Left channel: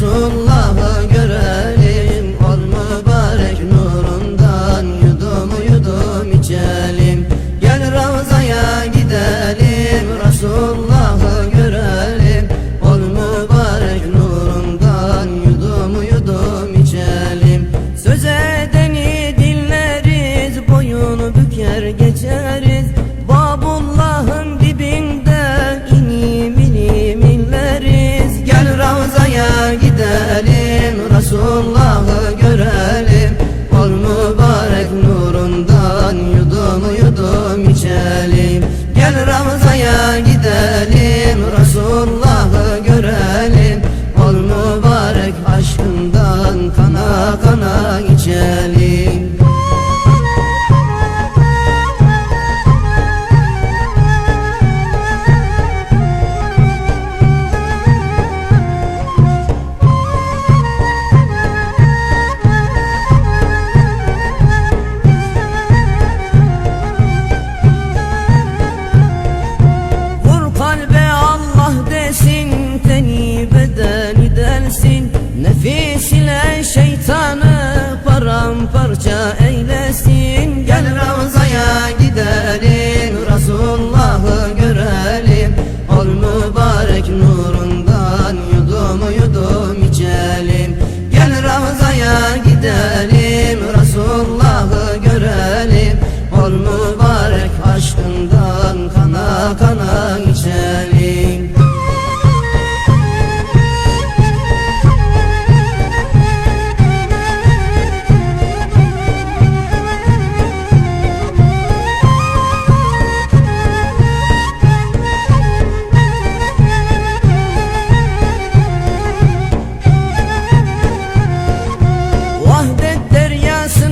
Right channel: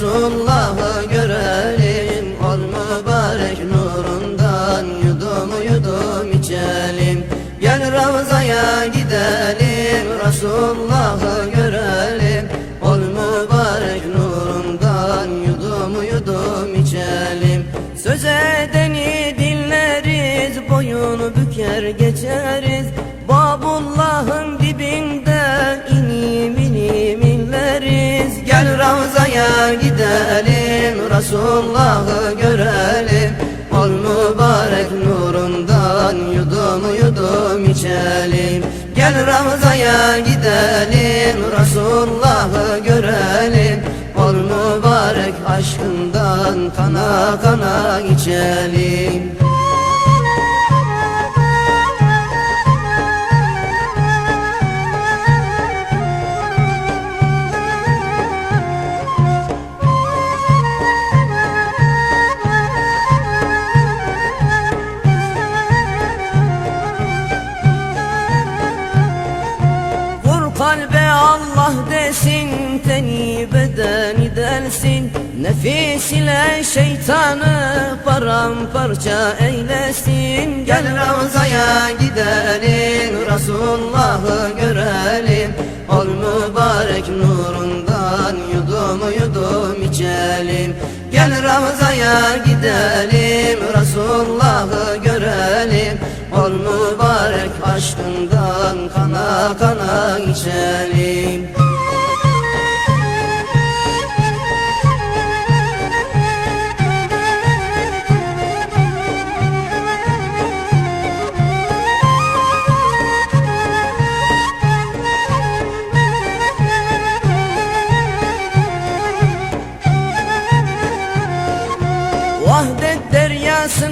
Resulullah'ı görelim Ol mübarek nurundan Yudum yudum içelim. Gel Ravza'ya gidelim Resulullah'ı görelim. Ol mübarek nurundan Yudum yudum içelim. Söz edeni dinleriz Boyunu büker geçeriz. Resulullah'ı görelim. Ol mübarek nurundan yudum yudum içelim. Gel Ravza'ya gidelim. Resulullah'ı görelim. Ol mübarek aşkından kana kana içelim kalbe Allah desin Teni bedeni delsin Nefis ile şeytanı paramparça eylesin. Gel Ravza'ya gidelim Resulullah'ı görelim. Ol mübarek nurundan yudum yudum içelim. Gel Ravza'ya gidelim Resulullah'ı görelim. Ol mübarek aşkından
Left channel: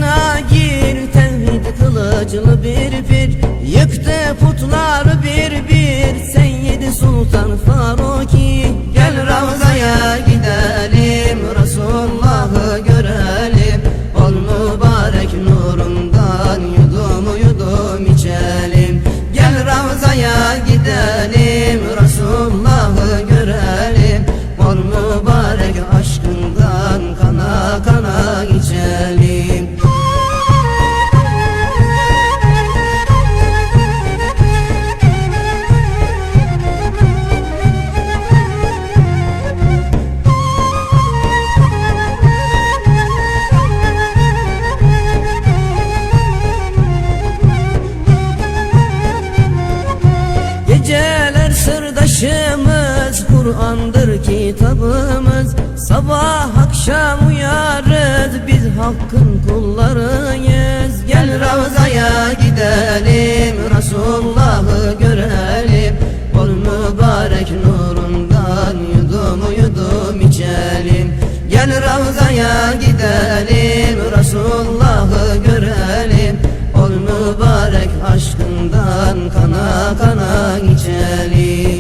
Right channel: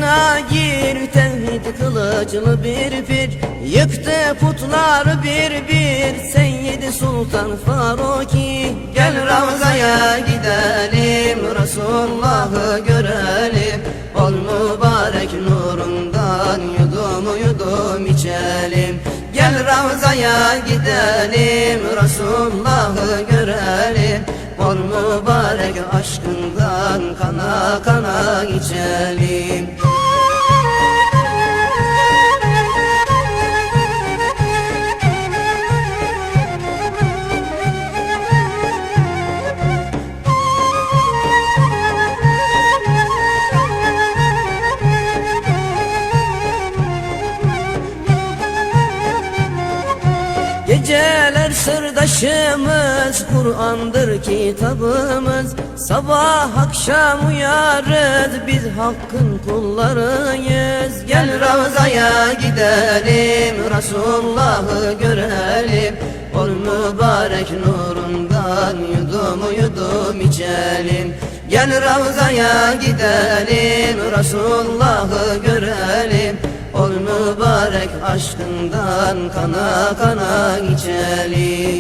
deryasına gir Tevhid kılıcını bir bir. Yıktı putları bir bir Seyyid Sultan Faruki. Gel Ravza'ya gidelim Resulullah'ı görelim. Ol mübarek nurundan Yudum yudum içelim. Gel Ravza'ya gidelim Resulullah'ı görelim. Ol mübarek aşkından kana kana içelim Geceler sırdaşımız Kur'an'dır kitabımız. Sabah akşam uyarız Biz hakkın kullarıyız. Gel Ravza'ya gidelim Resulullah'ı görelim. Ol mübarek nurundan Yudum yudum içelim. Gel Ravza'ya gidelim Resulullah'ı görelim Ol mübarek aşkından kana kana içelim